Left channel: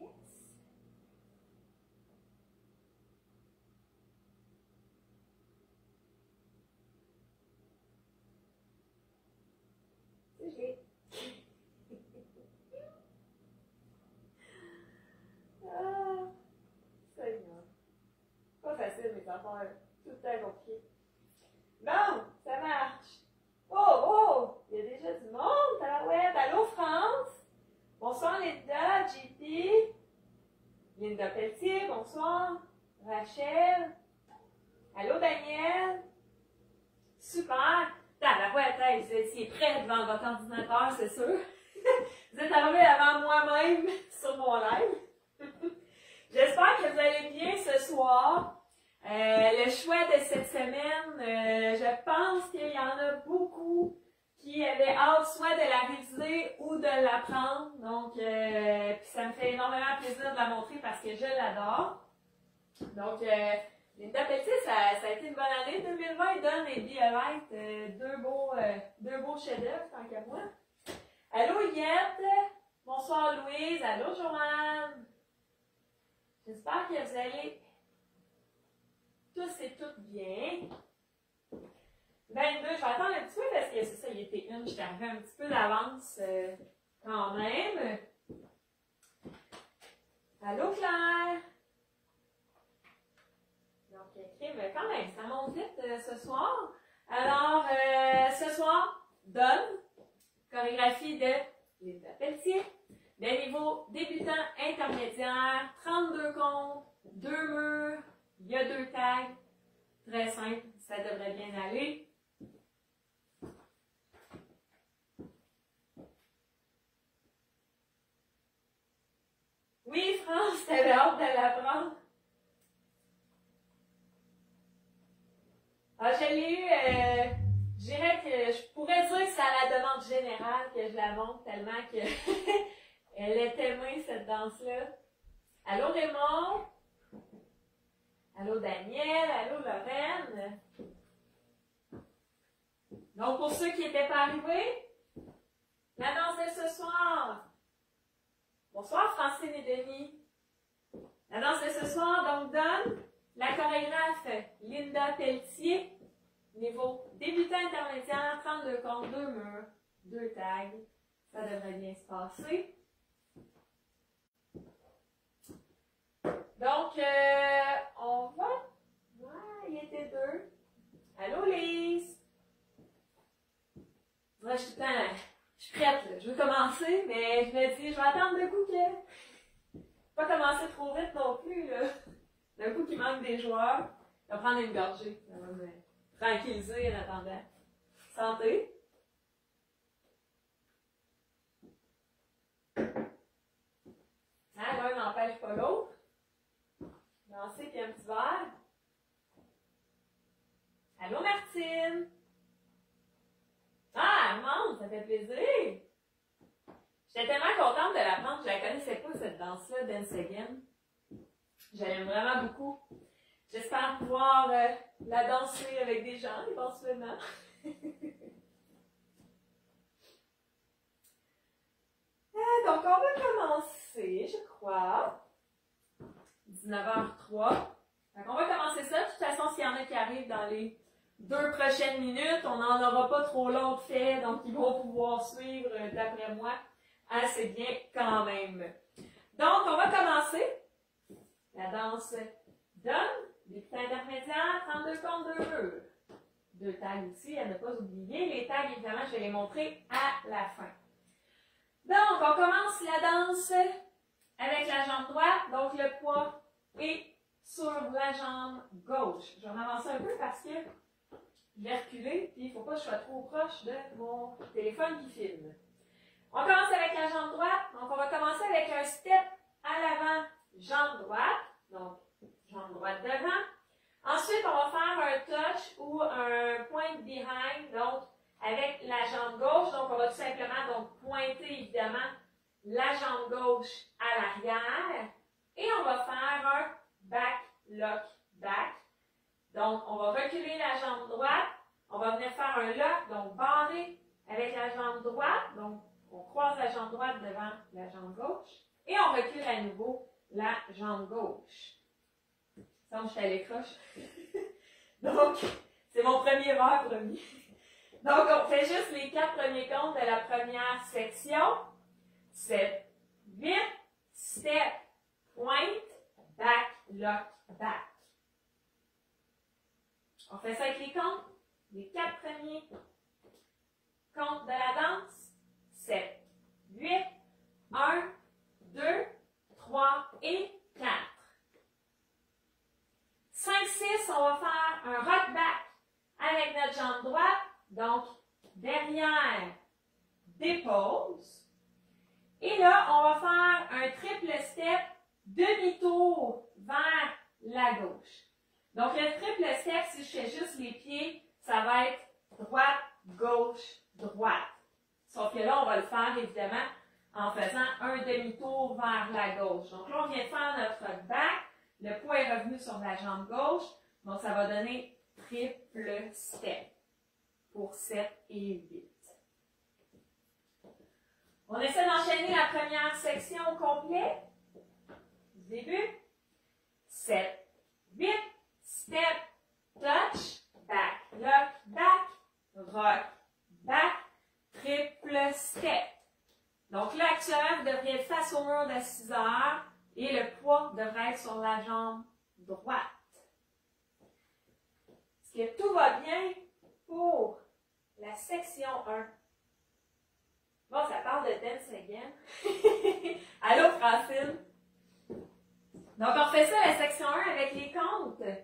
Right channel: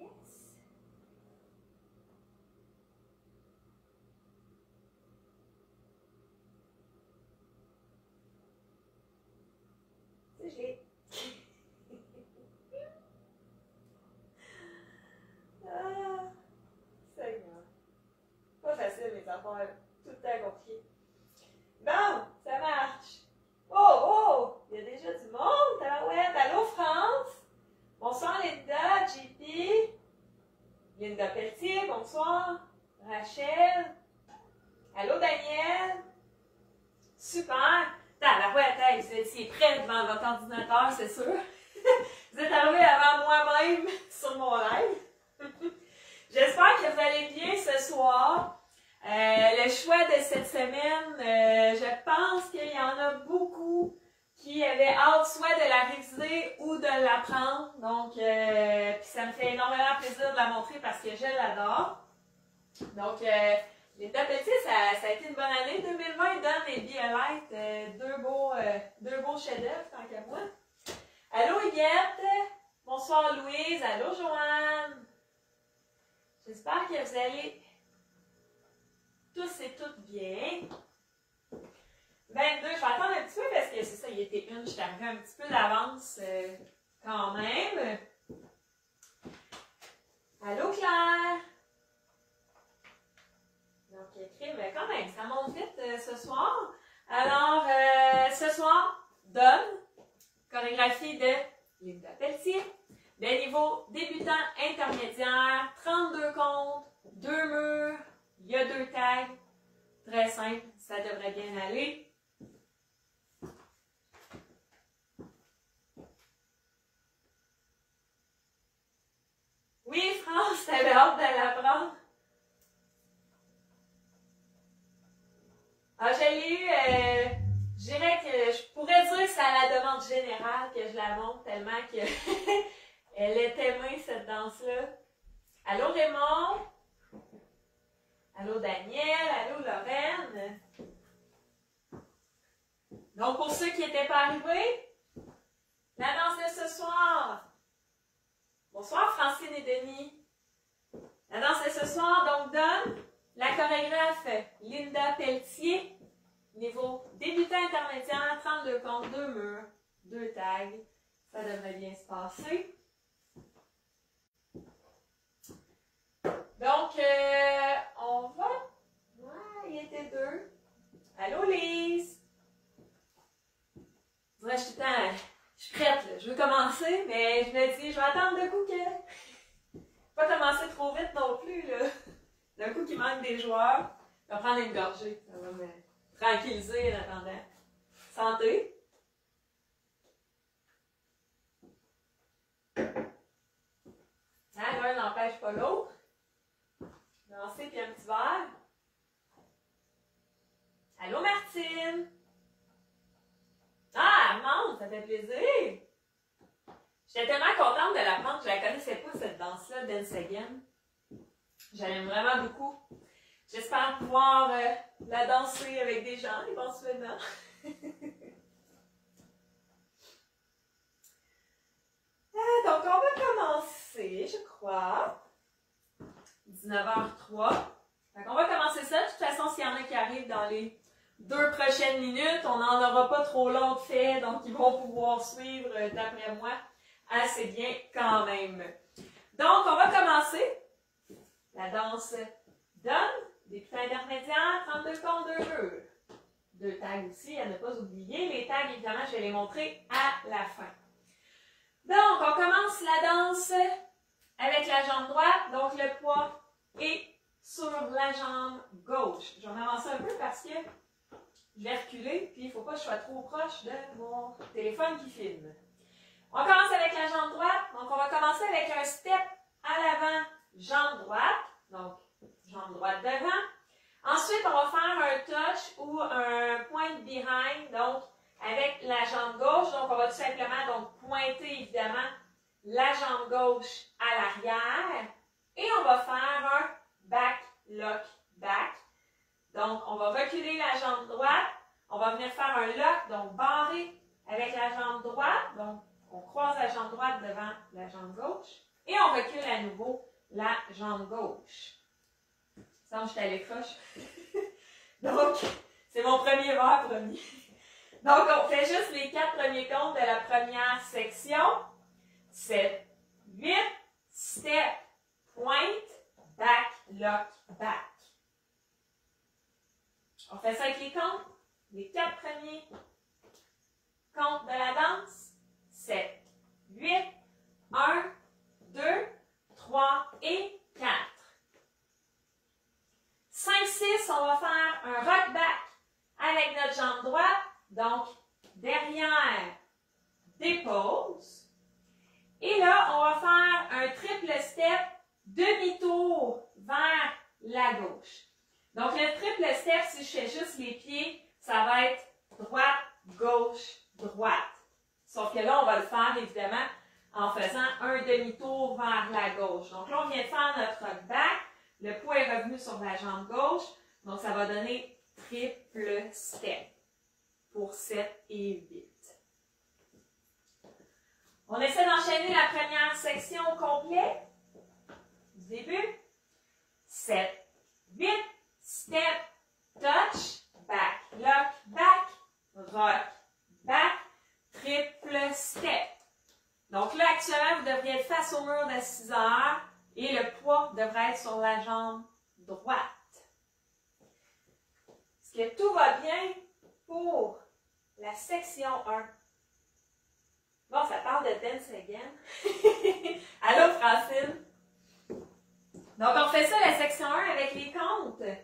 Yes. J'ai... Ah, Seigneur. Pas facile, les affaires. Tout le temps compliqué. Bon, ça marche. Oh, oh! Il y a déjà du monde. Tabarouette. Allô, France? Bonsoir, Linda, JP. Linda Pelletier, bonsoir. Rachel. Allô, Daniel. Super. Tabarouette, hey, vous étiez prêts devant votre ordinateur, c'est sûr. Vous êtes arrivés avant moi-même sur mon live. J'espère que vous allez bien ce soir. Le choix de cette semaine, je pense qu'il y en a beaucoup qui avaient hâte soit de la réviser ou de l'apprendre. Donc, puis ça me fait énormément plaisir de la montrer parce que je l'adore. Donc, Linda Pelletier, ça a été une bonne année. 2020, Donne et Be a Light, deux beaux chefs-d'œuvre, tant qu'à moi. Allô, Yvette. Bonsoir, Louise. Allô, Joanne. J'espère que vous allez tous et toutes bien. 22, je vais attendre un petit peu parce que c'est ça, il était une, je suis arrivée un petit peu d'avance quand même. Allô, Claire. Donc, écrit, mais quand même, ça monte vite ce soir. Alors, ce soir, Donne, chorégraphie de Linda Pelletier, de niveau débutant intermédiaire, 32 comptes, 2 murs, il y a 2 tags, très simple, ça devrait bien aller. Oui, France, t'avais hâte de l'apprendre. Ah, je l'ai eu, je dirais que je pourrais dire que c'est à la demande générale que je la montre tellement que elle est aimée, cette danse-là. Allô Raymond? Allô Daniel? Allô Lorraine? Donc, pour ceux qui n'étaient pas arrivés, la danse de ce soir. Bonsoir Francine et Denis. La danse de ce soir, donc, donne la chorégraphe Linda Pelletier, niveau débutant intermédiaire, 32 comptes, 2 murs, 2 tags. Ça devrait bien se passer. Donc, on va... Ouais, il était 2. Allô, Lise? Ouais, je suis prête, là. Je veux commencer, mais je me dis, je vais attendre d'un coup que... Pas commencer trop vite non plus, là. D'un coup qu'il manque des joueurs. Je vais prendre une gorgée. Ça va me tranquilliser en attendant. Santé. Hein, l'un n'empêche pas l'autre. Lancer puis un petit verre. Allô, Martine? Ah, elle monte, ça fait plaisir. J'étais tellement contente de l'apprendre, je ne la connaissais pas, cette danse-là, Dance Again. Je l'aime vraiment beaucoup. J'espère pouvoir la danser avec des gens éventuellement. Donc, on va commencer, je crois. 19h03. Donc, on va commencer ça. De toute façon, s'il y en a qui arrivent dans les 2 prochaines minutes, on n'en aura pas trop long de fait, donc ils vont pouvoir suivre, d'après moi, assez bien quand même. Donc, on va commencer. La danse donne, débutant intermédiaire, 32 comptes, 2 murs. 2 tags aussi, à ne pas oublier. Les tags, évidemment, je vais les montrer à la fin. Donc, on commence la danse avec la jambe droite, donc le poids est sur la jambe gauche. Je vais en avancer un peu parce que je vais reculer, puis il ne faut pas que je sois trop proche de mon téléphone qui filme. On commence avec la jambe droite, donc on va commencer avec un step à l'avant, jambe droite, donc jambe droite devant. Ensuite, on va faire un touch ou un point behind, donc avec la jambe gauche. Donc, on va tout simplement donc, pointer évidemment la jambe gauche à l'arrière. Et on va faire un back, lock, back. Donc, on va reculer la jambe droite. On va venir faire un lock, donc barré avec la jambe droite. Donc, on croise la jambe droite devant la jambe gauche. Et on recule à nouveau la jambe gauche. Ça, je suis à l'écroche. Donc, c'est mon premier verre premier. Donc, on fait juste les 4 premiers comptes de la première section. 7, 8, step, point, back, lock, back. On fait ça avec les comptes. Les 4 premiers comptes de la danse. 7, 8, 1, 2, 3 et 4. 5, 6, on va faire un rock back avec notre jambe droite. Donc, derrière, dépose. Et là, on va faire un triple step, demi-tour vers la gauche. Donc, le triple step, si je fais juste les pieds, ça va être droite, gauche, droite. Sauf que là, on va le faire, évidemment, en faisant un demi-tour vers la gauche. Donc là, on vient de faire notre rock back. Le poids est revenu sur la jambe gauche. Donc, ça va donner triple step pour 7 et 8. On essaie d'enchaîner la première section au complet. Du début. 7, 8, step, touch, back, lock, back, rock, back, triple step. Donc là, actuellement, vous devriez être face au mur de 6 heures et le poids devrait être sur la jambe droite. Est-ce que tout va bien pour la section 1? Bon, ça parle de dance again. Allô, Francine? Donc, on fait ça, la section 1, avec les comptes. Je ne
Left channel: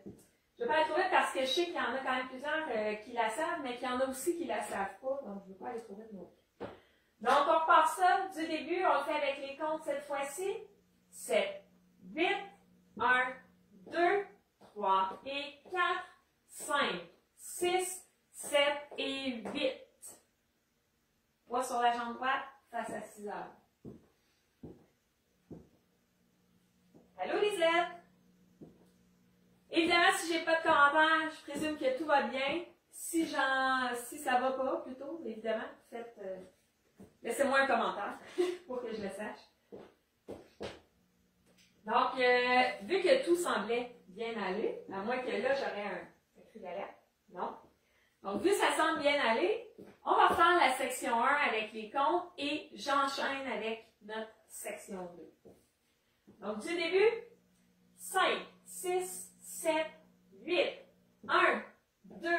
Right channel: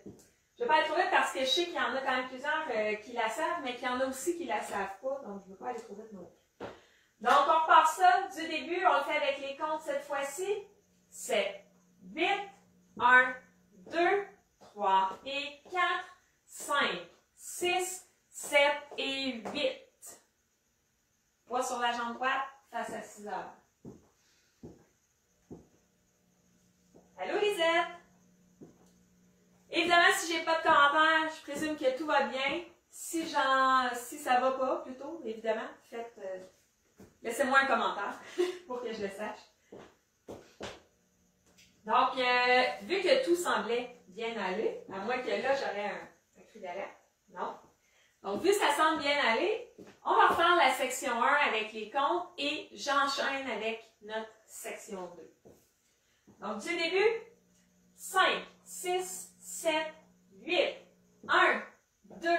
vais pas aller trop vite parce que je sais qu'il y en a quand même plusieurs qui la savent, mais qu'il y en a aussi qui ne la savent pas. Donc, je ne veux pas aller trop vite non plus. Donc, on repart ça du début. On le fait avec les comptes cette fois-ci. 7, 8, 1, 2, 3 et 4, 5, 6, 7 et 8. Poids sur la jambe droite face à 6 heures. Allô, Lisette? Évidemment, si j'ai pas de commentaires, je présume que tout va bien. Si ça va pas, plutôt, évidemment, faites, laissez-moi un commentaire pour que je le sache. Donc, vu que tout semblait bien aller, à moins que là, j'aurais un cri d'alerte, non? Donc, vu que ça semble bien aller, on va faire la section 1 avec les comptes et j'enchaîne avec notre section 2. Donc, du début, 5, 6, 7, 8, 1, 2,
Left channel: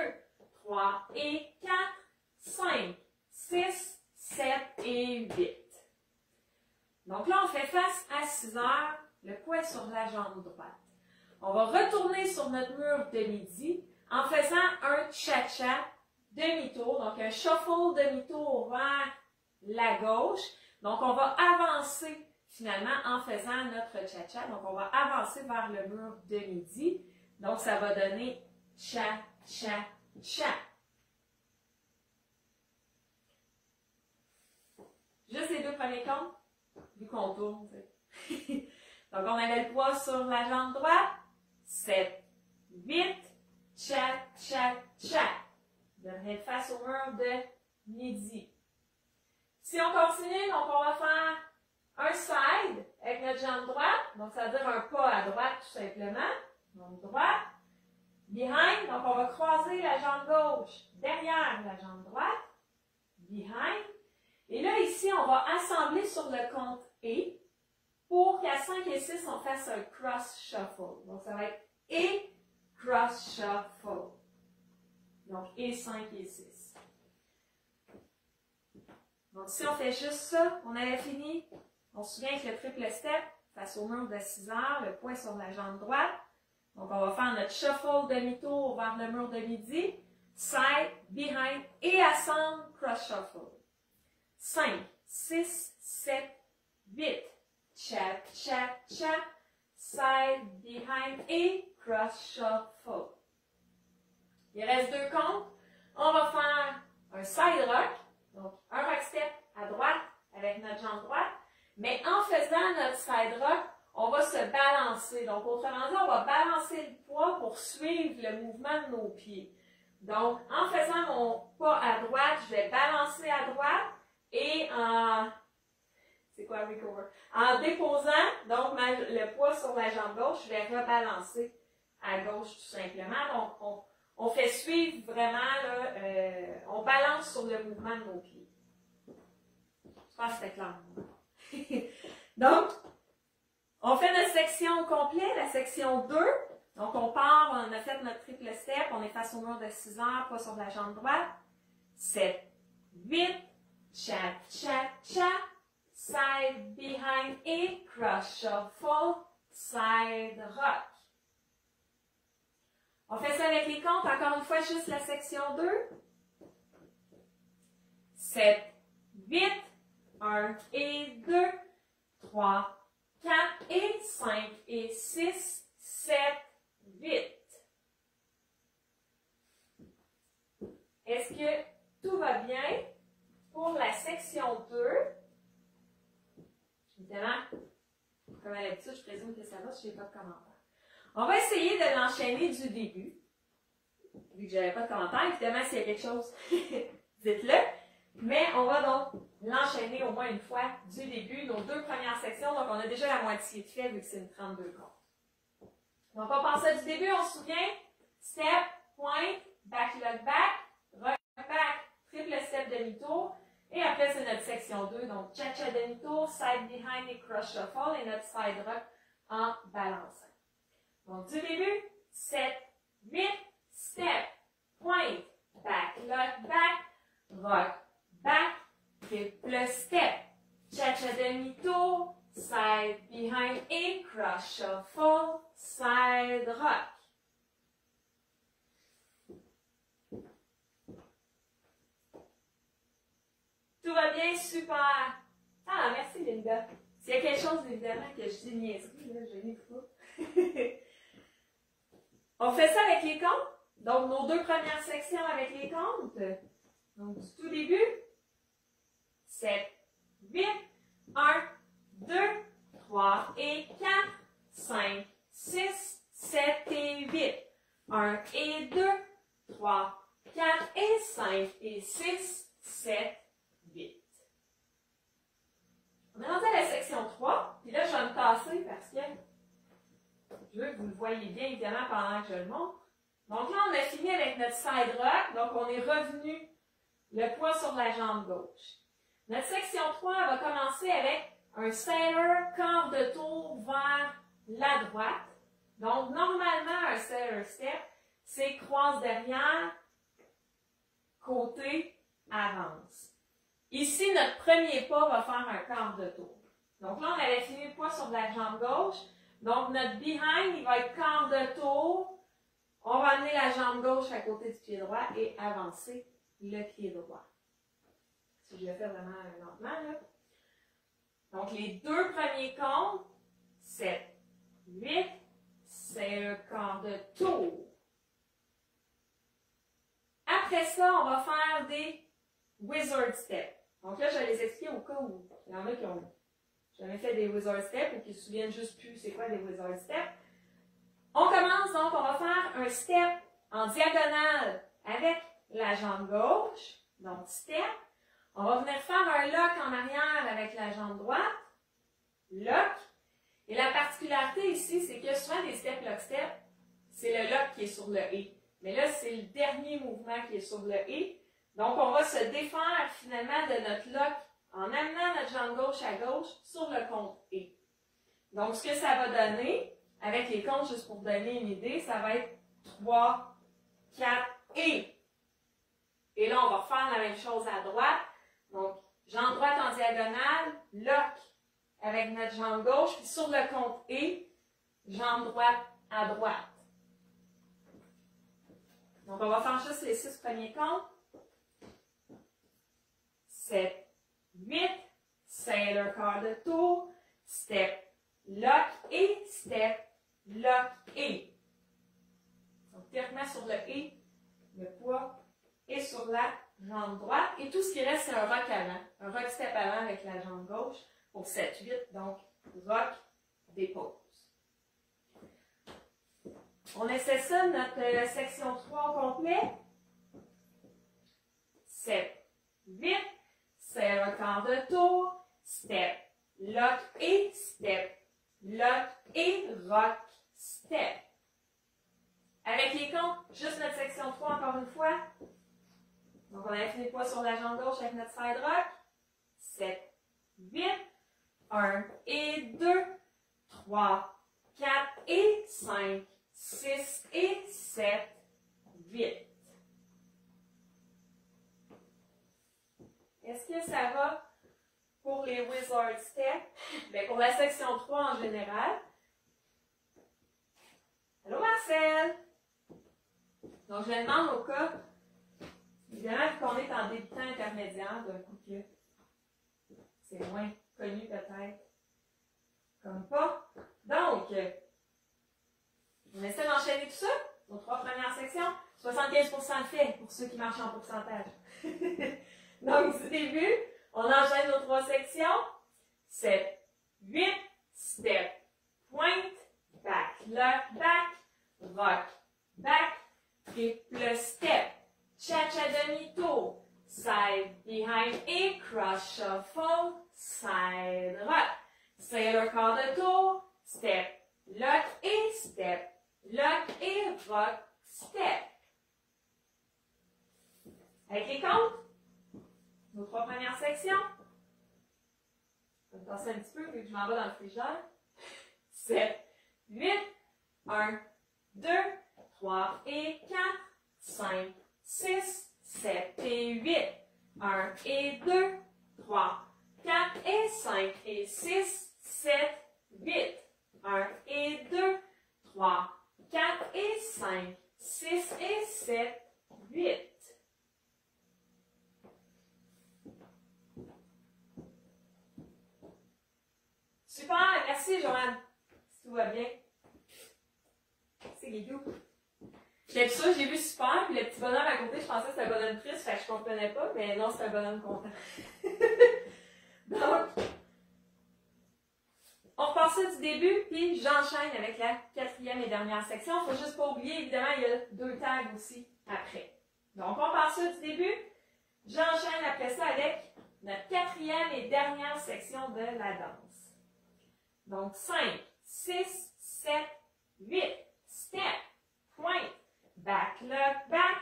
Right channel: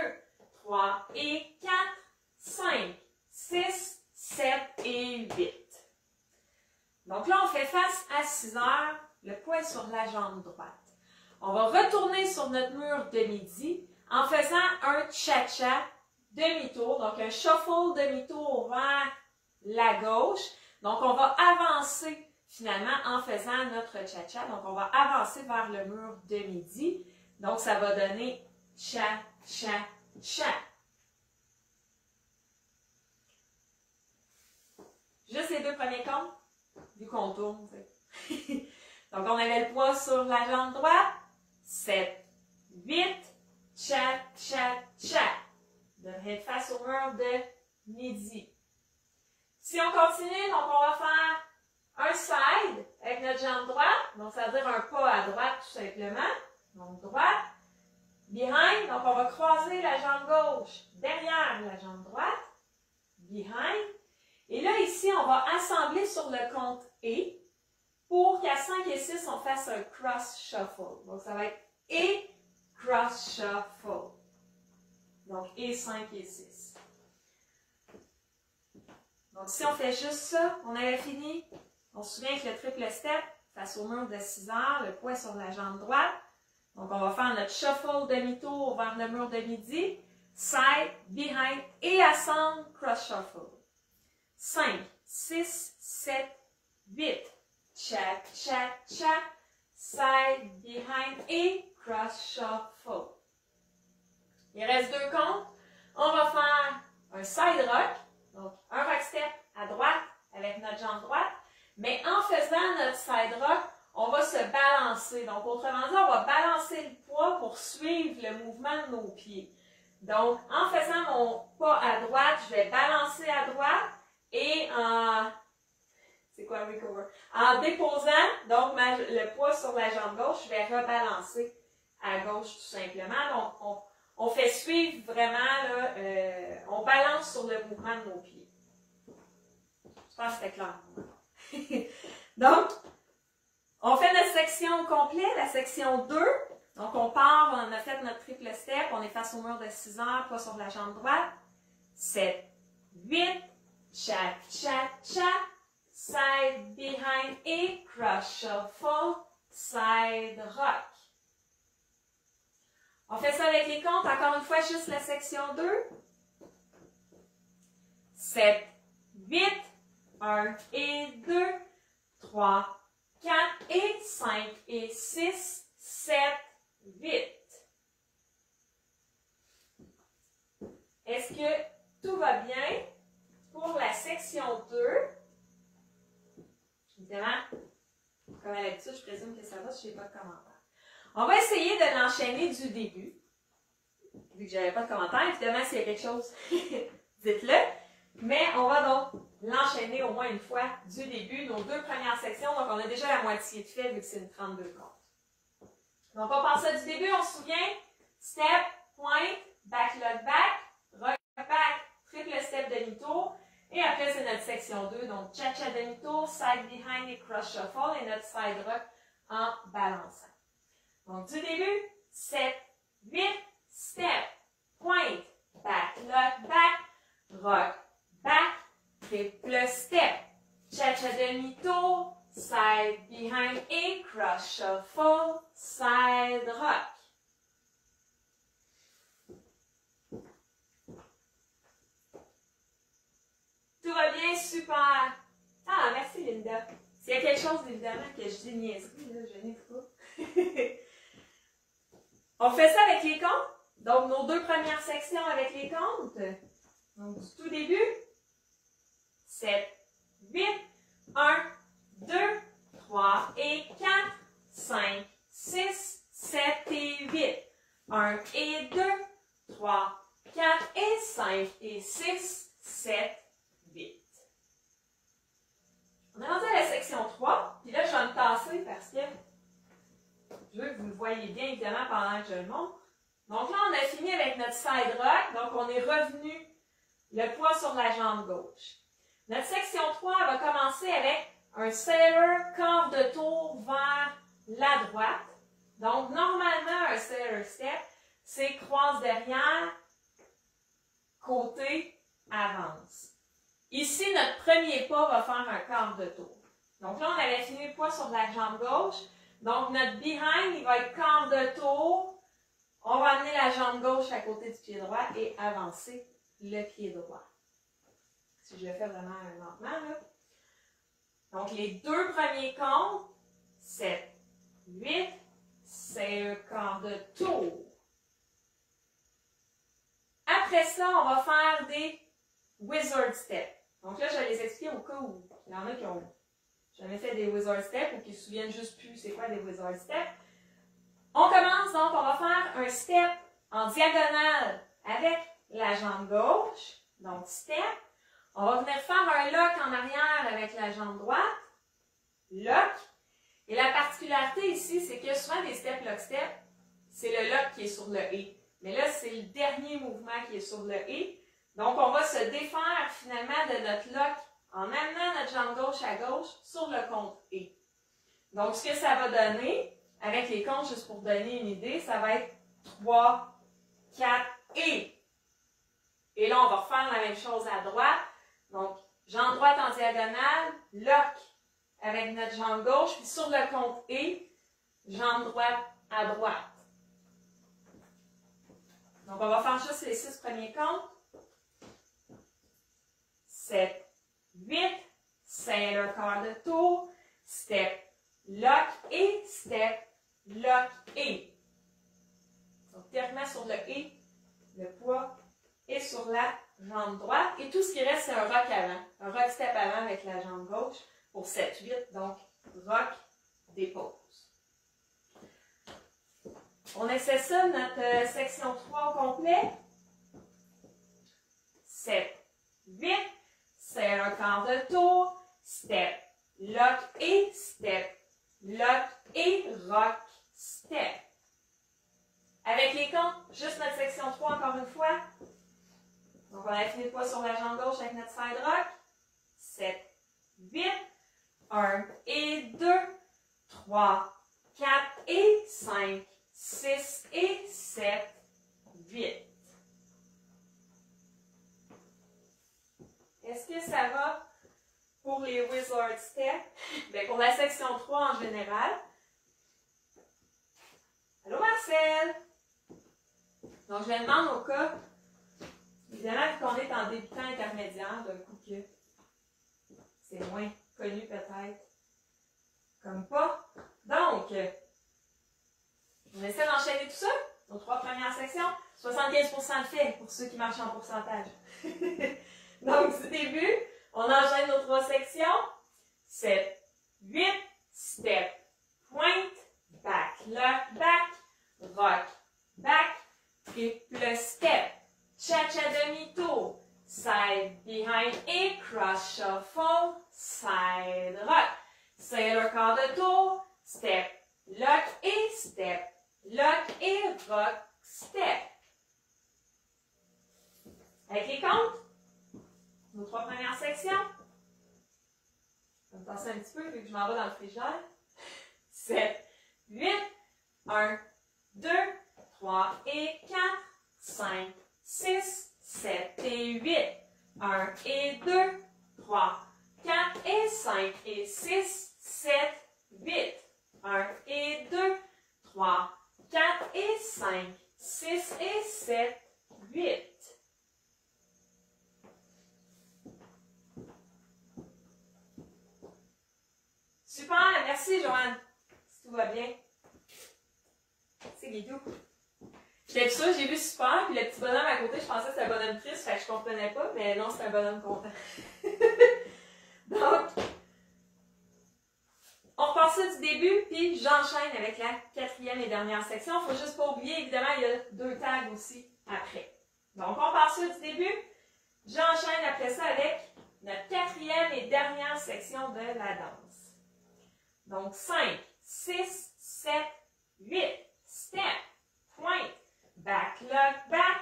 3 et 4, 5, 6, 7 et 8. Donc là, on fait face à 6 heures, le poids sur la jambe droite. On va retourner sur notre mur de midi en faisant un cha-cha demi-tour, donc un shuffle demi-tour vers la gauche. Donc, on va avancer finalement en faisant notre cha-cha. Donc, on va avancer vers le mur de midi. Donc, ça va donner cha-cha-cha. Juste les 2 premiers comptes, vu qu'on tourne. Donc, on avait le poids sur la jambe droite. 7, 8, cha-cha-cha. Devrait être face au mur de midi. Si on continue, donc on va faire un side avec notre jambe droite. Donc, ça veut dire un pas à droite tout simplement. Donc, droite. Behind. Donc, on va croiser la jambe gauche derrière la jambe droite. Behind. Et là, ici, on va assembler sur le compte et pour qu'à 5 et 6, on fasse un cross shuffle. Donc, ça va être et cross shuffle. Donc, et 5 et 6. Donc, si on fait juste ça, on avait fini. On se souvient avec le triple step, face au mur de 6 heures, le poids sur la jambe droite. Donc, on va faire notre shuffle demi-tour vers le mur de midi. Side, behind et assemble, cross shuffle. 5, 6, 7, 8. Cha, cha, cha. Side, behind et cross shuffle. Il reste 2 comptes. On va faire un side rock. Donc, un rock step à droite avec notre jambe droite. Mais en faisant notre side rock, on va se balancer. Donc, autrement dit, on va balancer le poids pour suivre le mouvement de nos pieds. Donc, en faisant mon pas à droite, je vais balancer à droite et C'est quoi recover? En déposant, donc, le poids sur la jambe gauche, je vais rebalancer à gauche tout simplement. Donc, on fait suivre vraiment, là, on balance sur le mouvement de nos pieds. Je pense que c'était clair. Donc, on fait notre section au complet, la section 2. Donc, on part, on a fait notre triple step, on est face au mur de 6 heures, pas sur la jambe droite. 7, 8, cha, cha, cha, side, behind et cross shuffle, side rock. On fait ça avec les comptes, encore une fois, juste la section 2. 7, 8, 1 et 2, 3, 4 et 5 et 6, 7, 8. Est-ce que tout va bien pour la section 2? Évidemment, comme à l'habitude, je présume que ça va si je n'ai pas de commentaires. On va essayer de l'enchaîner du début. Vu que je n'avais pas de commentaires, évidemment, s'il y a quelque chose, dites-le. Mais on va donc l'enchaîner au moins une fois du début, nos 2 premières sections. Donc, on a déjà la moitié de fait vu que c'est une 32 comptes. Donc, on part ça du début, on se souvient. Step, point, back, lock, back, rock, back, triple step, demi-tour. Et après, c'est notre section 2. Donc, cha-cha, demi-tour, side, behind et cross shuffle. Et notre side rock en balançant. Donc, du début, 7, 8, step, point, back, lock, back, rock, back, triple step, cha-cha demi-tour, side, behind et cross shuffle, side rock. Tout va bien, super. Ah, merci Linda. S'il y a quelque chose, évidemment, que je dis niaiserie, là, je n'ai pas. On fait ça avec les comptes. Donc, nos 2 premières sections avec les comptes. Donc, du tout début. 7, 8, 1, 2, 3 et 4, 5, 6, 7 et 8. 1 et 2, 3, 4 et 5 et 6, 7, 8. On est rendu à la section 3. Puis là, je vais me tasser parce que je veux que vous le voyez bien, évidemment, pendant que je le montre. Donc là, on a fini avec notre side rock. Donc, on est revenu le poids sur la jambe gauche. Notre section 3 va commencer avec un sailor, quart de tour vers la droite. Donc, normalement, un sailor step, c'est croise derrière, côté, avance. Ici, notre premier pas va faire un quart de tour. Donc là, on avait fini le poids sur la jambe gauche. Donc, notre behind, il va être quart de tour. On va amener la jambe gauche à côté du pied droit et avancer le pied droit. Si je le fais vraiment lentement, là. Donc, les 2 premiers comptes, 7, 8, c'est un quart de tour. Après ça, on va faire des wizard steps. Donc là, je vais les expliquer au cas où il y en a qui ont jamais fait des wizard steps ou qui se souviennent juste plus c'est quoi des wizard steps. On commence donc, on va faire un step en diagonale avec la jambe gauche. Donc, step. On va venir faire un lock en arrière avec la jambe droite. Lock. Et la particularité ici, c'est que souvent des step, lock, step, c'est le lock qui est sur le et. Mais là, c'est le dernier mouvement qui est sur le et. Donc, on va se défaire finalement de notre lock en amenant notre jambe gauche à gauche sur le compte et. Donc, ce que ça va donner, avec les comptes, juste pour donner une idée, ça va être 3, 4 et. Et là, on va refaire la même chose à droite. Donc, jambe droite en diagonale, lock avec notre jambe gauche, puis sur le compte et, jambe droite à droite. Donc, on va faire juste les 6 premiers comptes. 7, 8, sailor quart de tour, step, lock et, step, lock et. Donc, théoriquement sur le et, le poids est sur la jambe droite. Et tout ce qui reste, c'est un rock avant. Un rock step avant avec la jambe gauche pour 7, 8. Donc, rock, dépose. On essaie ça, notre section 3 au complet. 7, 8, sailor quart de tour, step, lock et step, lock et rock, step. Avec les comptes, juste notre section 3 encore une fois. Donc on a fini le poids sur la jambe gauche avec notre side rock. 7, 8, 1 et 2, 3, 4 et 5, 6 et 7, 8. Est-ce que ça va pour les Wizard Steps? Bien, pour la section 3 en général. Allô Marcel? Donc, je me demande au cas, évidemment, vu qu'on est en débutant intermédiaire, d'un coup que c'est moins connu peut-être, comme pas. Donc, on essaie d'enchaîner tout ça, nos 3 premières sections. 75% de fait pour ceux qui marchent en pourcentage. Donc, du début, on enchaîne nos 3 sections. 7, 8, step, point, back, lock, back, rock, back, triple step, cha-cha demi-tour, side, behind et cross shuffle, side, rock, sailor quart de tour, step, lock et step, lock et rock, step. Avec les comptes, nos 3 premières sections. Je vais me passer un petit peu vu que je m'en vais dans le frigidaire. 7, 8, 1, 2, 3 et 4, 5, 6, 7 et 8, 1 et 2, 3, 4 et 5 et 6, 7, 8, 1 et 2, 3, 4 et 5, 6 et 7, 8. Super, merci Joanne, si tout va bien. C'est Guidou. J'étais sûre, j'ai vu super, puis le petit bonhomme à côté, je pensais que c'était un bonhomme triste, fait que je comprenais pas, mais non, c'est un bonhomme content. Donc, on repart ça du début, puis j'enchaîne avec la 4e et dernière section. Faut juste pas oublier, évidemment, il y a 2 tags aussi après. Donc, on part ça du début. J'enchaîne après ça avec notre 4e et dernière section de la danse. Donc, 5, 6, 7, 8, step, point, back, lock, back,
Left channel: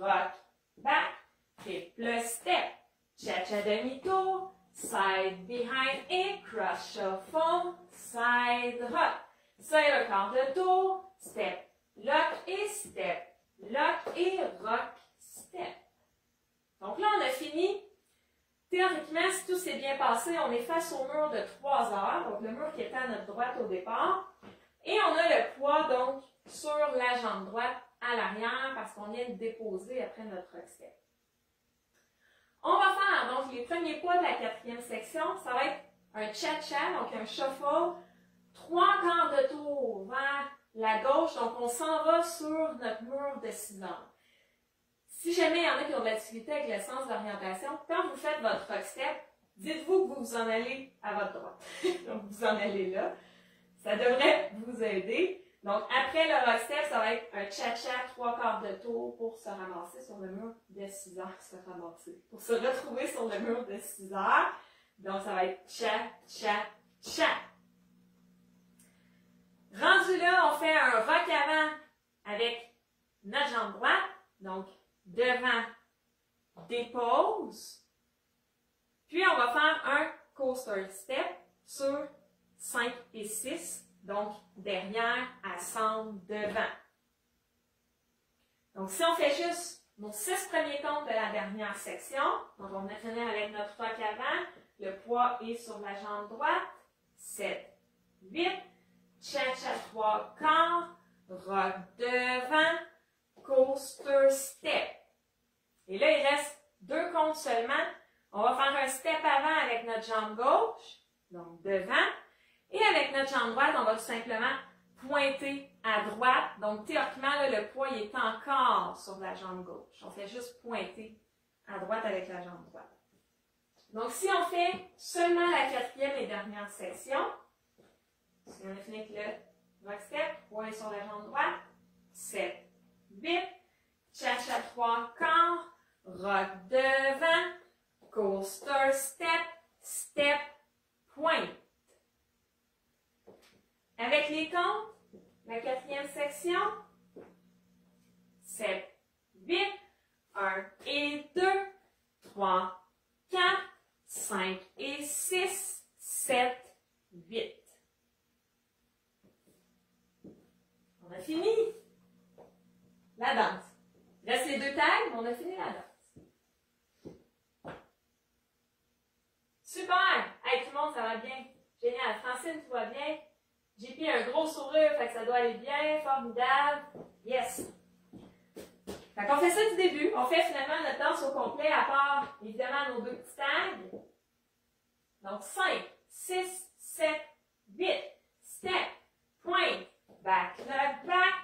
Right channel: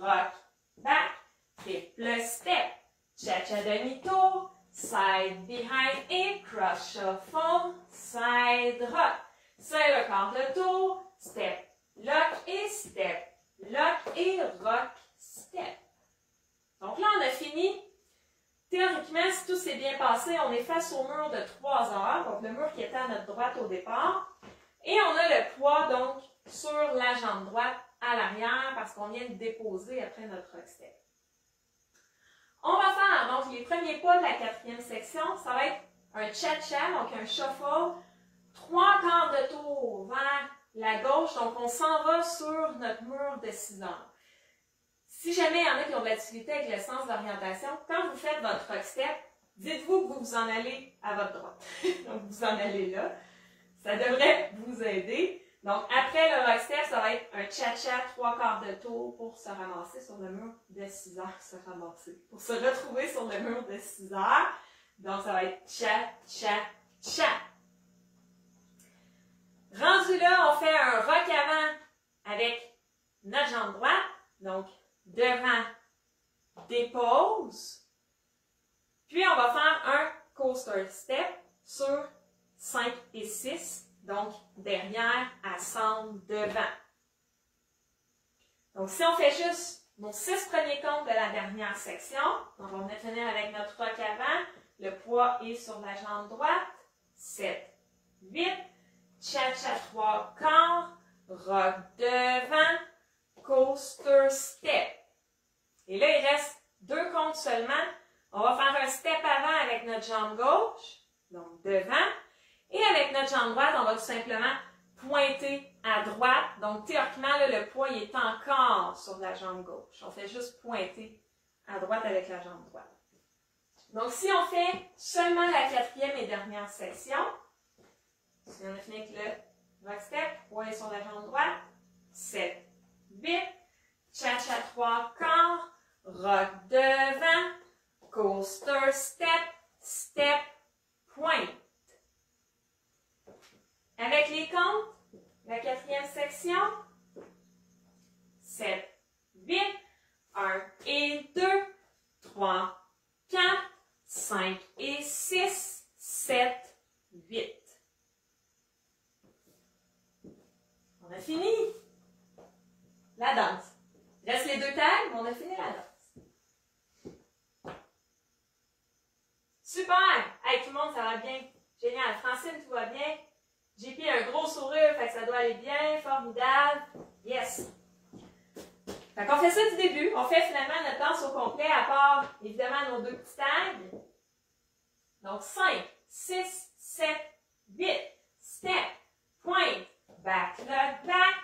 rock, back, triple step, cha-cha demi-tour, side, behind et cross shuffle, side, rock, sailor quart de tour, step, lock et rock, step. Donc là, on a fini. Théoriquement, si tout s'est bien passé, on est face au mur de 3 heures, donc le mur qui était à notre droite au départ. Et on a le poids, donc, sur la jambe droite à l'arrière, parce qu'on vient de déposer après notre rock step. On va faire, donc, les premiers pas de la 4e section. Ça va être un cha-cha, donc un shuffle, 3 quarts de tour vers la gauche. Donc, on s'en va sur notre mur de 6 heures. Si jamais il y en a qui ont de la difficulté avec le sens d'orientation, quand vous faites votre rock step, dites-vous que vous vous en allez à votre droite. Donc, vous en allez là. Ça devrait vous aider. Donc, après le rock step, ça va être un cha-cha 3 quarts de tour pour se ramasser sur le mur de 6 heures. Pour se retrouver sur le mur de 6 heures. Donc, ça va être cha-cha-cha. Rendu là, on fait un rock avant avec notre jambe droite. Donc, devant, dépose. Puis, on va faire un coaster step sur 5 et 6. Donc, derrière, ascendre, devant. Donc, si on fait juste nos 6 premiers comptes de la dernière section, donc on va finir avec notre rock avant. Le poids est sur la jambe droite. 7, 8, cha-cha 3 quarts, rock devant, coaster step. Et là, il reste 2 comptes seulement. On va faire un step avant avec notre jambe gauche, donc devant. Et avec notre jambe droite, on va tout simplement pointer à droite. Donc, théoriquement, là, le poids il est encore sur la jambe gauche. On fait juste pointer à droite avec la jambe droite. Donc, si on fait seulement la 4e et dernière section, si on a fini avec le rock step, poids est sur la jambe droite, 7, 8, cha-cha 3 quarts, rock devant, coaster step, step, pointe. Avec les comptes, la quatrième section, 7, 8, 1 et 2, 3, 4, 5 et 6, 7, 8. On a fini la danse. Il reste les deux tags, mais on a fini la danse. Super! Hey, tout le monde, ça va bien. Génial. Francine, tout va bien. JP a un gros sourire, fait que ça doit aller bien. Formidable. Yes! Fait qu'on fait ça du début. On fait finalement notre danse au complet, à part, évidemment, nos deux petits tags. Donc, 5, 6, 7, 8. Step, point, back, lock, back,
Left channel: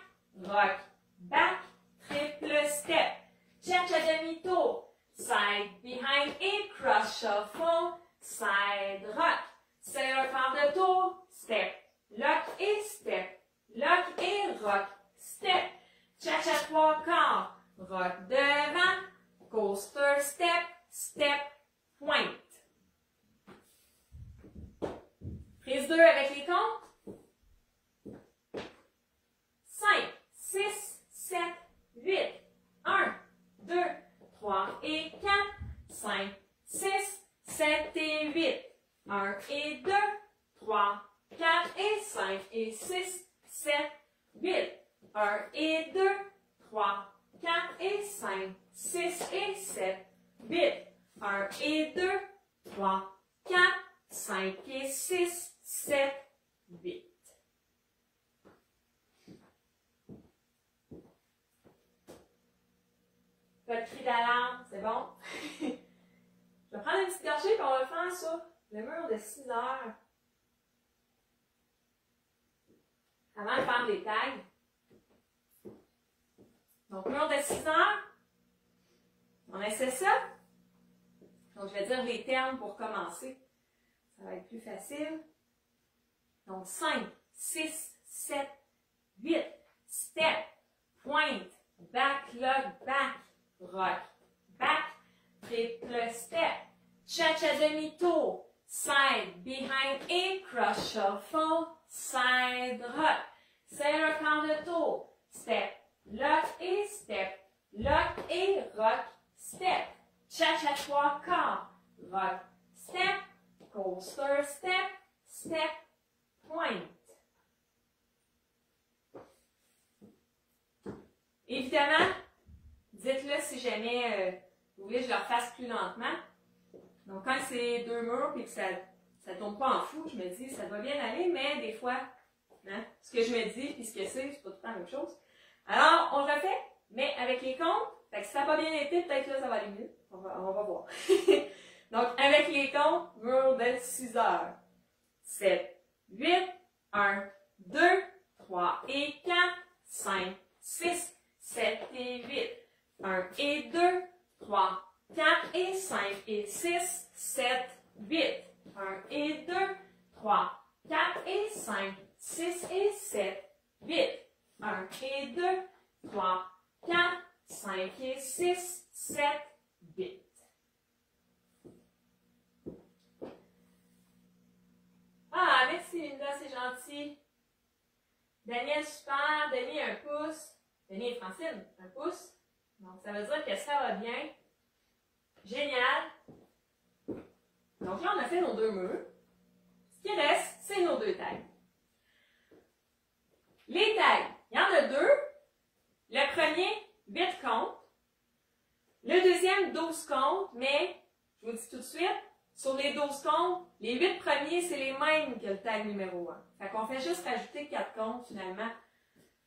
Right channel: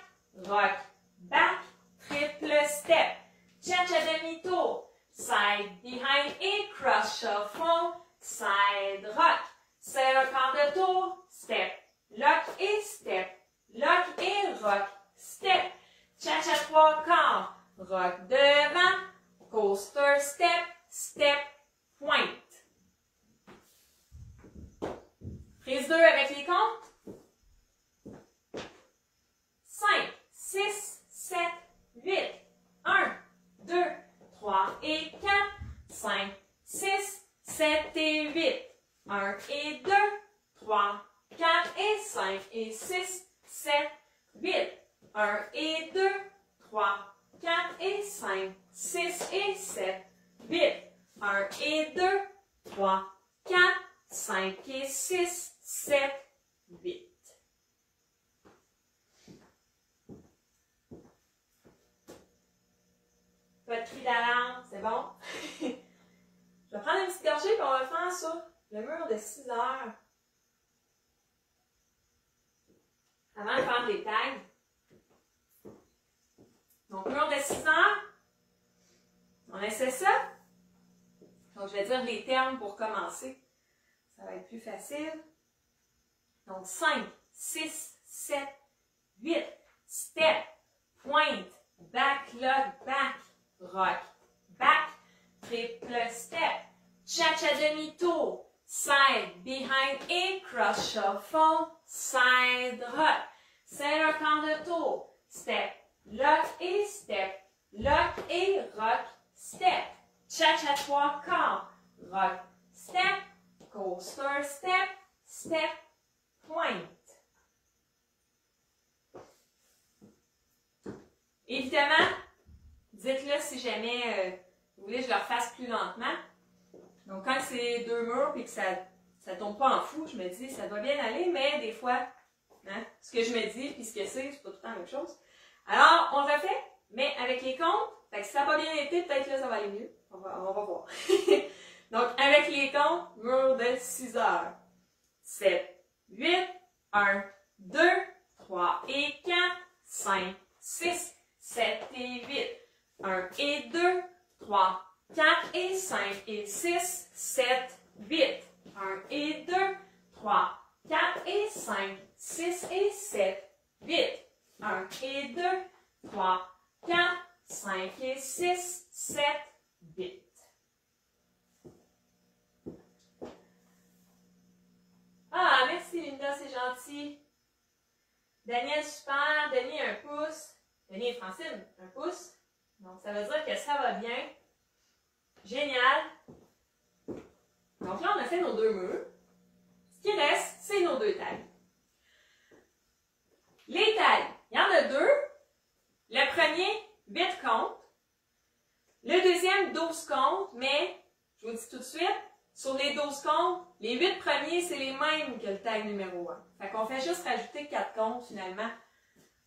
rock, back, triple step. Cha-cha demi-tour. Side, behind et cross shuffle. Side, rock. Serre par de tour. Step, lock et step. Lock et rock. Step. Cha-cha trois quarts. Rock devant. Coaster step. Step, point. Prise 2 avec les comptes. 5, 6, 7, 8. 1, 2, 3 et 4. 5, 6, 7 et 8. 1 et 2, 3, 4 et 5 et 6, 7, 8. 1 et 2, 3, 4 et 5, 6 et 7, 8. 1 et 2, 3, 4, 5 et 6, 7, 8. Pas de cri d'alarme, c'est bon? Je vais prendre une petite gorgée et on va le faire sur le mur de 6 heures. Avant de faire des tags. Donc, mur de 6 heures. On essaie ça. Donc, je vais dire les termes pour commencer. Ça va être plus facile. Donc, 5, 6, 7, 8. Step, point, back, lock, back, rock, back, triple step, cha-cha demi-tour, side, behind et cross shuffle, side, rock, serre par de tour, step, lock et rock, step, cha-cha trois quarts, rock, step, coaster step, step, point. Évidemment, dites-le si jamais vous voulez que je le refasse plus lentement. Donc, quand c'est deux murs et que ça ne tombe pas en fou, je me dis, ça doit bien aller, mais des fois, hein, ce que je me dis et ce que c'est pas tout le temps la même chose. Alors, on le refait, mais avec les comptes. Fait que si ça n'a pas bien été, peut-être là, ça va aller mieux. On va voir. Donc, avec les comptes, mur de 6 heures. 7, 8, 1, 2, 3 et 4, 5, 6, 7 et 8. 1 et 2, 3, 4 et 5 et 6, 7, 8. 1 et 2, 3, 4 et 5, 6 et 7, 8. 1 et 2, 3, 4, 5 et 6, 7, 8. Ah, merci Linda, c'est gentil. Daniel, super. Denis, un pouce. Denis et Francine, un pouce. Donc, ça veut dire que ça va bien. Génial. Donc là, on a fait nos deux murs. Ce qui reste, c'est nos deux tags. Les tags, il y en a deux. Le premier, 8 comptes. Le deuxième, 12 comptes, mais, je vous dis tout de suite, sur les 12 comptes, les 8 premiers, c'est les mêmes que le tag numéro 1. Fait qu'on fait juste rajouter 4 comptes, finalement,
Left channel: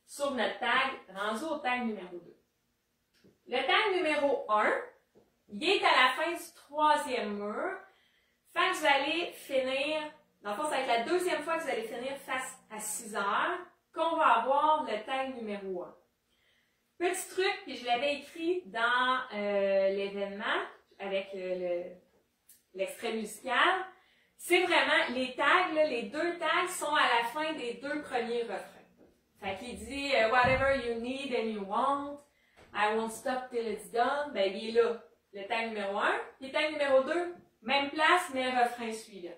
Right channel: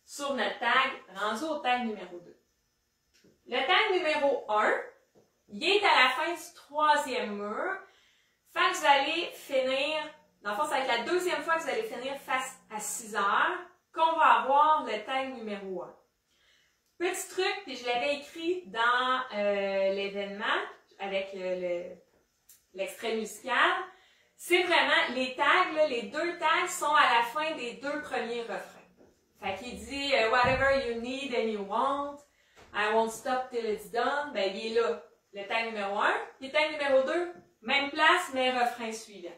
sur notre tag, rendu au tag numéro 2. Le tag numéro 1, il est à la fin du troisième mur. Fait que vous allez finir, dans le fond, ça va être la deuxième fois que vous allez finir face à 6 heures, qu'on va avoir le tag numéro 1. Petit truc, puis je l'avais écrit dans l'événement, avec l'extrait musical, c'est vraiment les tags, là, les deux tags sont à la fin des deux premiers refrains. Fait qu'il dit « Whatever you need and you want, I won't stop till it's done », ben il est là, le tag numéro 1. Puis le tag numéro 2, même place, mais refrain suivant.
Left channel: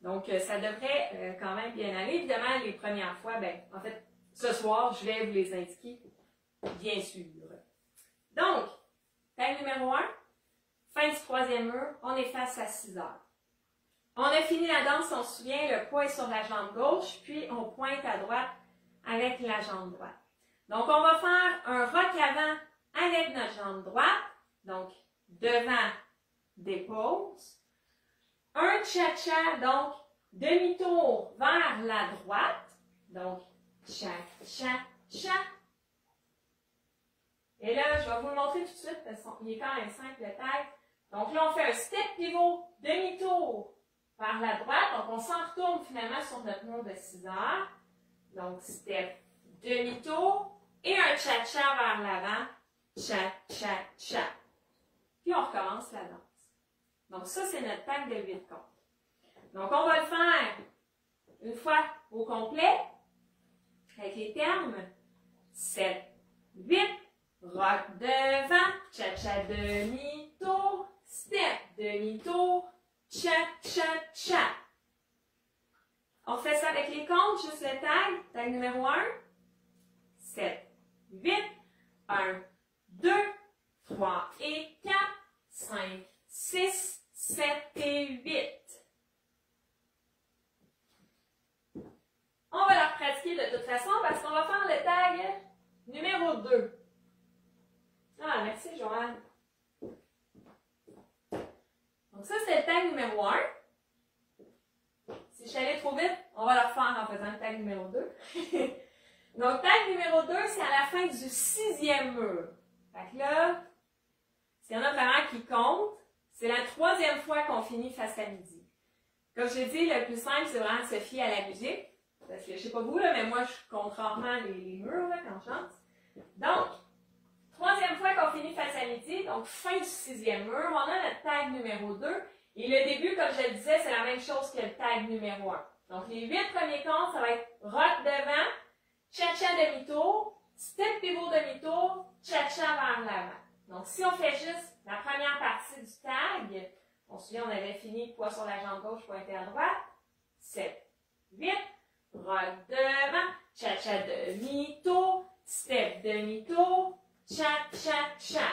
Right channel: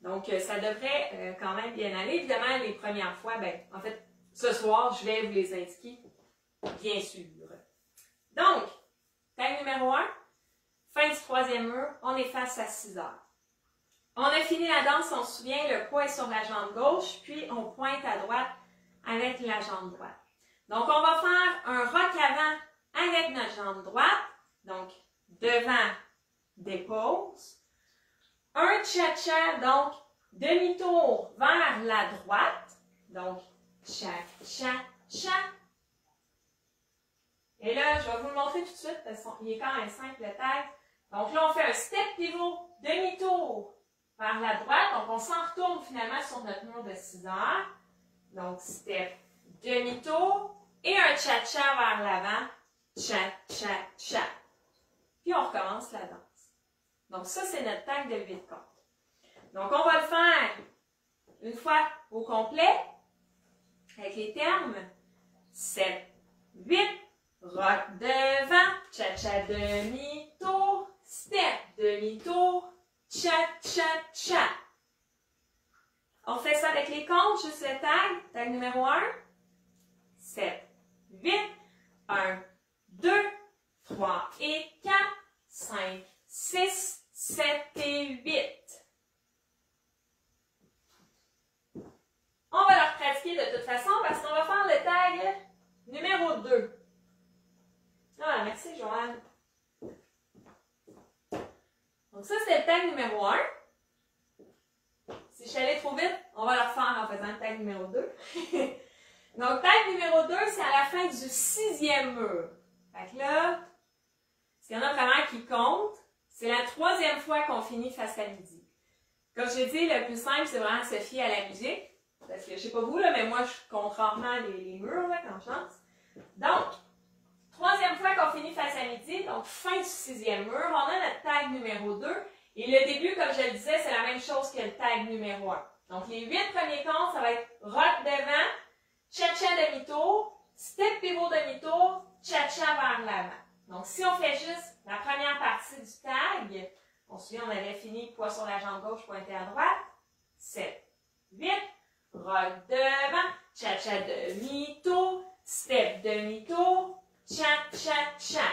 Donc, ça devrait quand même bien aller. Évidemment, les premières fois, ben, en fait, ce soir, je vais vous les indiquer, bien sûr. Donc, tag numéro 1, fin du troisième mur, on est face à 6 heures. On a fini la danse, on se souvient, le poids est sur la jambe gauche, puis on pointe à droite avec la jambe droite. Donc, on va faire un rock avant avec notre jambe droite. Donc, devant, dépose. Un cha-cha, donc, demi-tour vers la droite. Donc, cha-cha-cha. Et là, je vais vous le montrer tout de suite parce qu'il est quand même simple le tag. Donc là, on fait un step pivot, demi-tour vers la droite. Donc, on s'en retourne finalement sur notre mur de 6 heures. Donc, step, demi-tour et un cha-cha vers l'avant. Cha-cha-cha. Puis, on recommence la danse. Donc, ça, c'est notre tag de lever de compte. Donc, on va le faire une fois au complet avec les termes. 7, 8, rock devant, cha-cha demi-tour, step demi-tour, cha-cha-cha. On fait ça avec les comptes, juste le tag. Tag numéro 1, 7, 8, 1, 2, 3 et 4, 5, 6, 7 et 8. On va leur pratiquer de toute façon parce qu'on va faire le tag numéro 2. Ah, merci Joanne. Donc ça, c'est le tag numéro 1. Si je suis allée trop vite, on va le refaire en faisant le tag numéro 2. Donc, tag numéro 2, c'est à la fin du 6e mur. Fait que là, s'il y en a vraiment qui comptent, c'est la 3e fois qu'on finit face à midi. Comme j'ai dit, le plus simple, c'est vraiment de se fier à la musique. Parce que je sais pas vous, là, mais moi, je compte rarement les murs là, quand je chante. Donc, 3e fois qu'on finit face à midi, donc fin du 6e mur, on a notre tag numéro 2. Et le début, comme je le disais, c'est la même chose que le tag numéro 1. Donc, les 8 premiers comptes, ça va être rock devant, cha-cha demi-tour, step pivot demi-tour, cha-cha vers l'avant. Donc, si on fait juste la première partie du tag, on se souvient, on avait fini poids sur la jambe gauche, pointé à droite, 7, 8, rock devant, cha-cha demi-tour, step demi-tour, cha-cha-cha.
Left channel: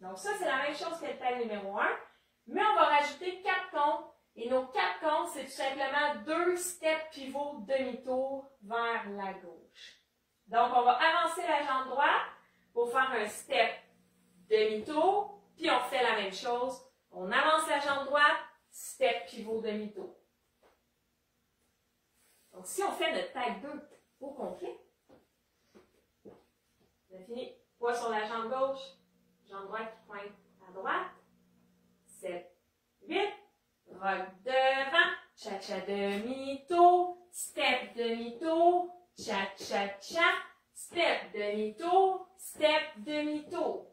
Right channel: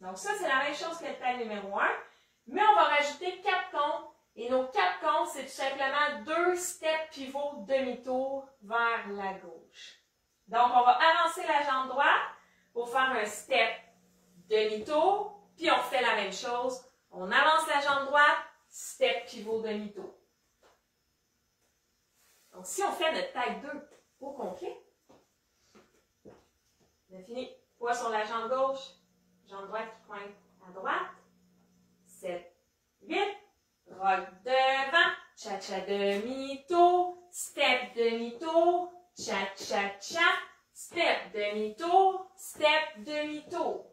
Donc ça, c'est la même chose que le tag numéro 1, mais on va rajouter 4 comptes. Et nos 4 comptes, c'est tout simplement 2 steps pivots demi-tour vers la gauche. Donc, on va avancer la jambe droite pour faire un step demi-tour, puis on fait la même chose. On avance la jambe droite, step pivot demi-tour. Donc, si on fait notre tag 2 au complet, on a fini. Poids sur la jambe gauche, jambe droite qui pointe à droite. 7, 8, rock devant, cha-cha demi-tour, step demi-tour, cha-cha-cha, step demi-tour, step demi-tour.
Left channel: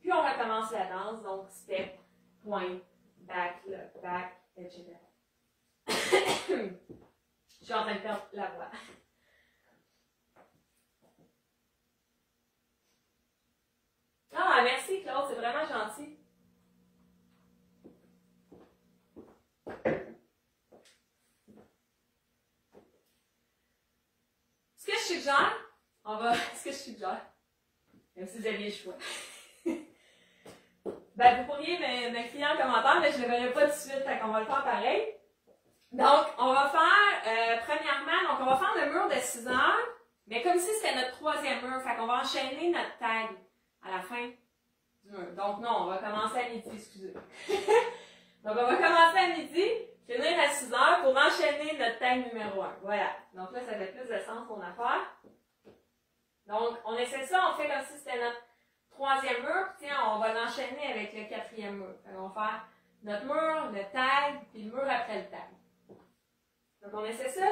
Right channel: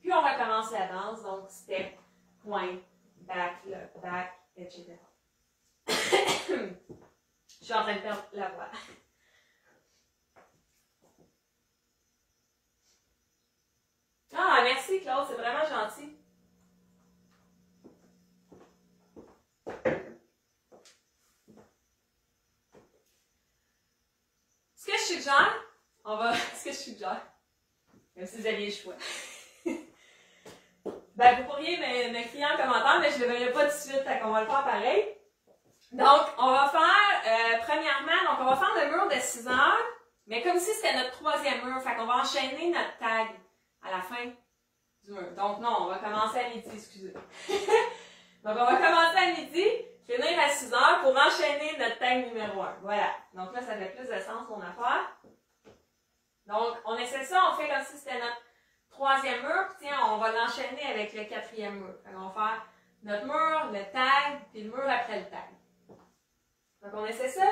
Puis on recommence la danse, donc step, point, back, etc. Je suis en train de perdre la voix. Ah, merci Claude, c'est vraiment gentil. Ce que je suggère, ce que je suggère, même si vous aviez le choix. Ben, vous pourriez m'écrire en commentaire, mais je ne le verrai pas tout de suite, donc on va le faire pareil. Donc, on va faire, premièrement, donc on va faire le mur de 6 heures, mais comme si c'était notre 3e mur, fait qu'on va enchaîner notre tag à la fin du mur. Donc non, on va commencer à midi, excusez. Donc, on va commencer à midi, finir à 6 heures pour enchaîner notre tag numéro 1. Voilà. Donc là, ça fait plus de sens ton affaire. Donc, on essaie ça, on fait comme si c'était notre 3e mur, puis tiens, on va l'enchaîner avec le 4e mur. Fait qu'on va faire notre mur, le tag, puis le mur après le tag. Donc, on essaie ça.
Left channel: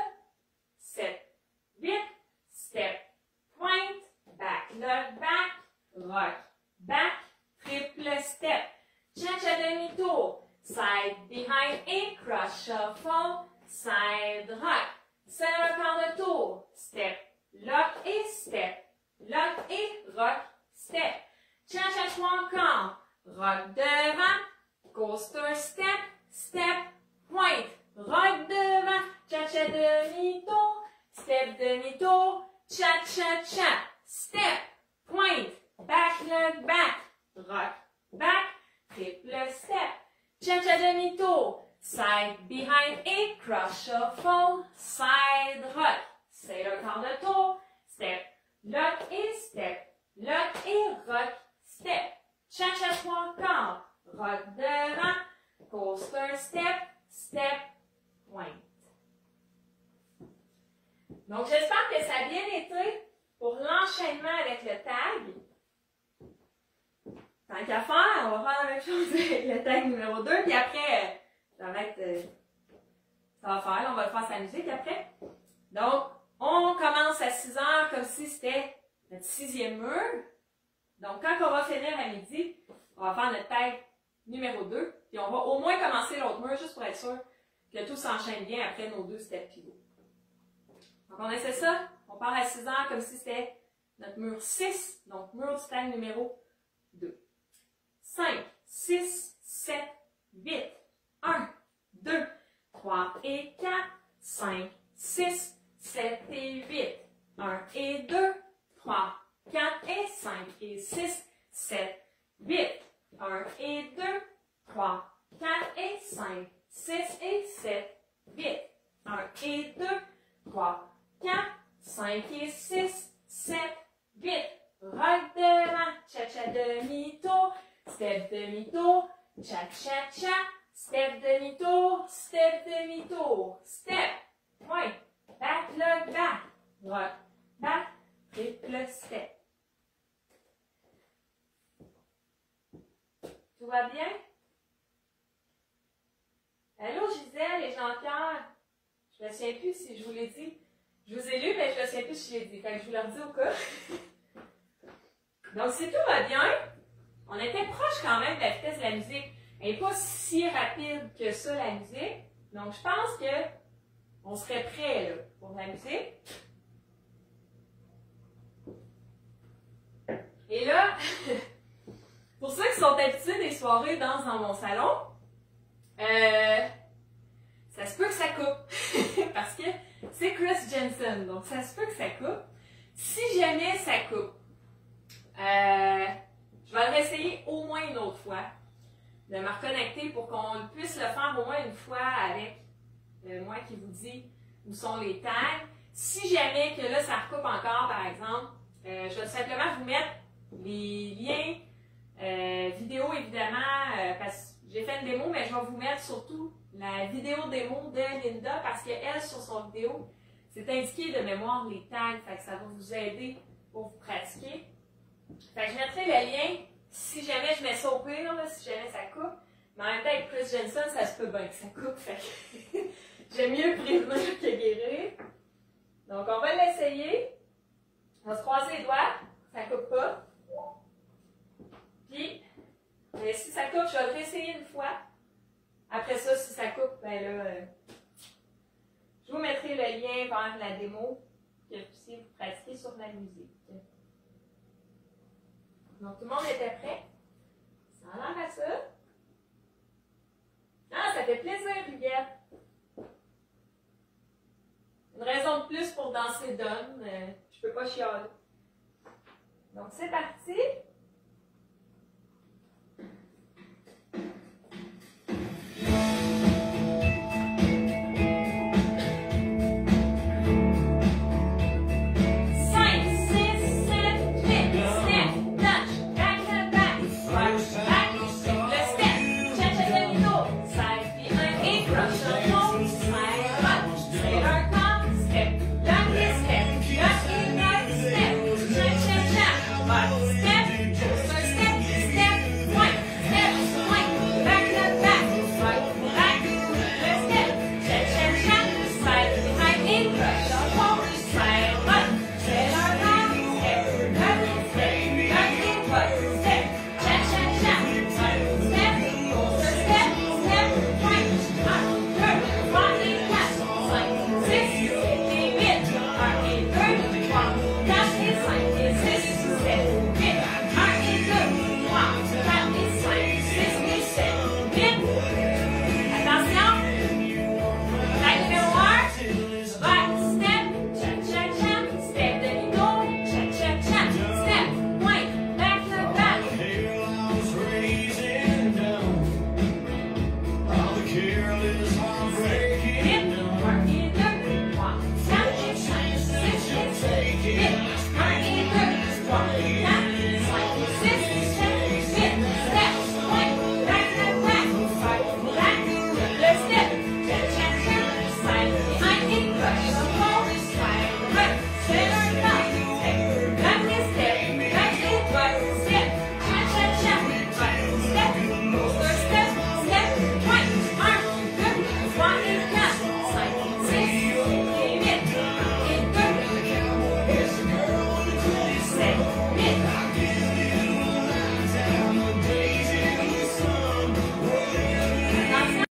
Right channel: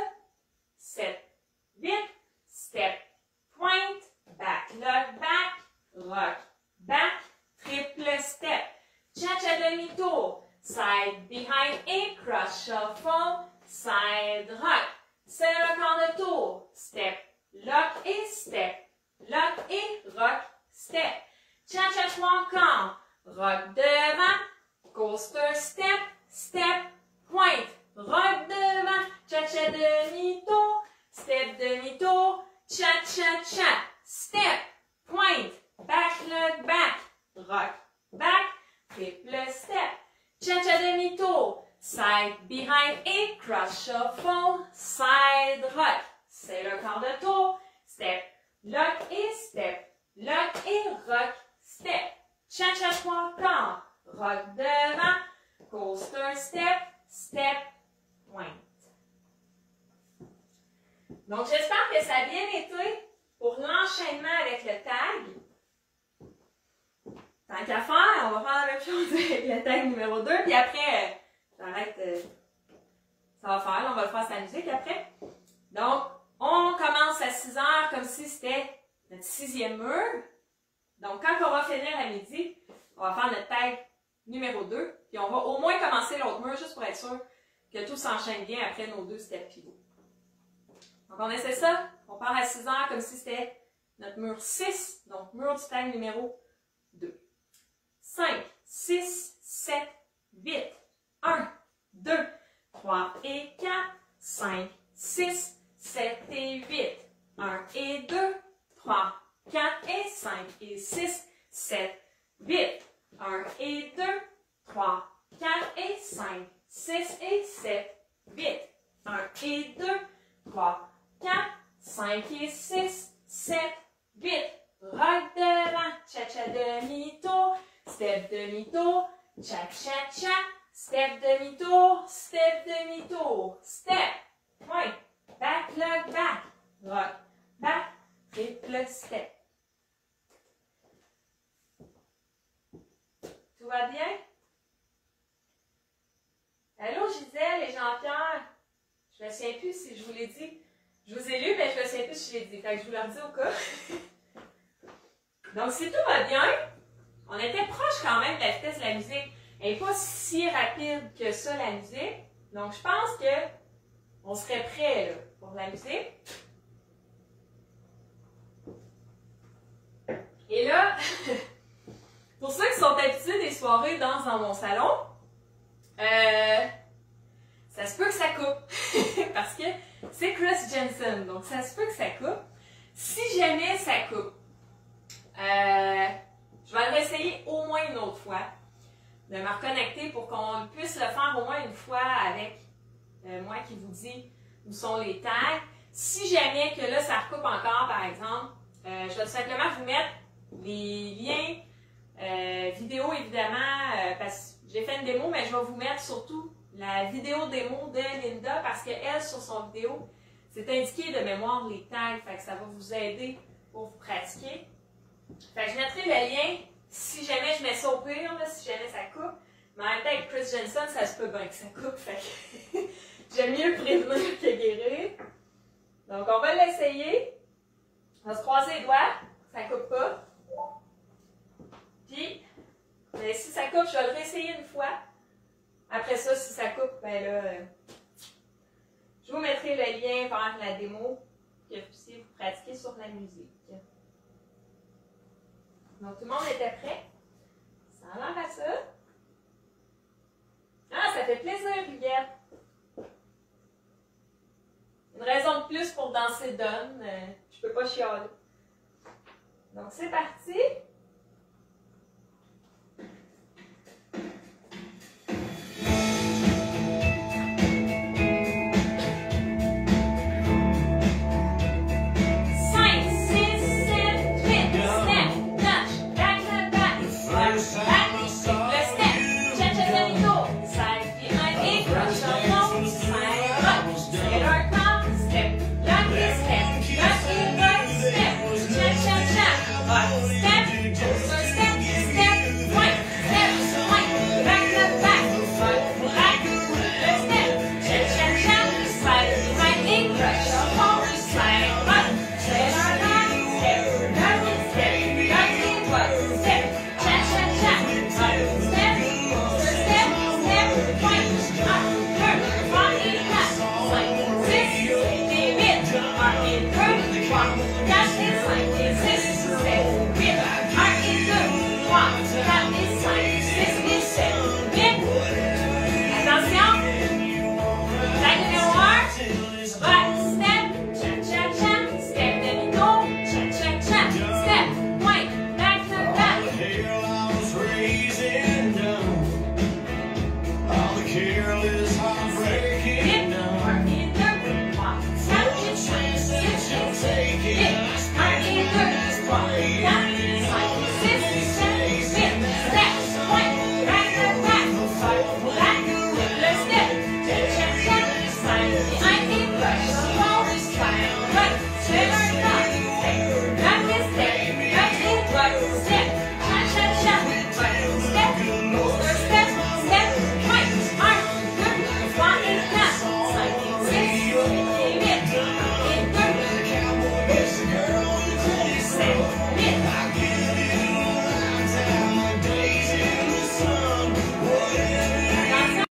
7, 8, step, point, back, lock, back, rock, back, triple step, cha-cha demi-tour, side, behind et cross shuffle, side, rock, c'est le quart de tour, step, lock et rock, step, cha-cha 3 quarts, rock devant, coaster step, step, point, rock cha-cha demi-tour, step demi-tour, cha-cha-cha, step, pointe, back, lug, back, rock, back, triple step, cha-cha demi-tour, side, behind et cross shuffle, side, rock, c'est le quart de tour, step, lock et rock, step, cha-cha trois quarts, rock devant, coaster step, step, pointe. Donc, j'espère que ça a bien été pour l'enchaînement avec le tag. Tant qu'à faire, on va faire la même chose avec le tag numéro 2, puis après, j'arrête, ça va faire, là, on va le faire sa musique après. Donc, on commence à 6 heures comme si c'était notre 6e mur. Donc, quand on va finir à midi, on va faire notre tag numéro 2, puis on va au moins commencer l'autre mur, juste pour être sûr que tout s'enchaîne bien après nos 2 steps pivots. Donc, on essaie ça. On part à 6 heures comme si c'était notre mur 6, donc mur du tag numéro 2. 5, 6, 7, 8, 1, 2, 3 et 4, 5, 6, 7 et 8, 1 et 2, 3, 4 et 5 et 6, 7, 8, 1 et 2, 3, 4 et 5, 6 et 7, 8, 1 et 2, 3, 4, 5 et 6, 7, 8, rock devant, cha-cha demi-tour, step demi-tour, cha-cha-cha, step demi-tour, step demi-tour, step, point, back, lug, back, rock, back, triple step. Tout va bien? Allô Gisèle et Jean-Pierre? Je ne me souviens plus si je vous l'ai dit. Je vous ai lu, mais je ne me souviens plus si je l'ai dit. Fait que je vous le redis au cas. Donc, si tout va bien, on était proche quand même de la vitesse de la musique. Elle n'est pas si rapide que ça, la musique. Donc, je pense que on serait prêt là, pour la musique. Et là, pour ceux qui sont habitués des soirées danse dans mon salon, ça se peut que ça coupe. Parce que c'est Chris Jensen, donc ça se peut que ça coupe. Si jamais ça coupe, je vais le réessayer au moins une autre fois, de me reconnecter pour qu'on puisse le faire au moins une fois avec moi qui vous dit où sont les tags. Si jamais que là ça recoupe encore, par exemple, je vais simplement vous mettre les liens vidéo évidemment, parce que j'ai fait une démo, mais je vais vous mettre surtout la vidéo démo de Linda parce qu'elle, sur son vidéo, c'est indiqué de mémoire les tags, fait que ça va vous aider pour vous pratiquer. Fait que je mettrai le lien si jamais je mets ça au pire, là, si jamais ça coupe. Mais en même temps, avec Chris Jensen, ça se peut bien que ça coupe, fait que j'aime mieux prévenir que guérir. Donc, on va l'essayer. On va se croiser les doigts, ça coupe pas. Puis, mais si ça coupe, je vais le réessayer une fois. Après ça, si ça coupe, ben là, je vous mettrai le lien vers la démo que vous puissiez vous pratiquer sur la musique. Donc, tout le monde était prêt? Ça a l'air à ça. Ah, ça fait plaisir, Huguette! Une raison de plus pour danser donne. Je peux pas chialer. Donc, c'est parti!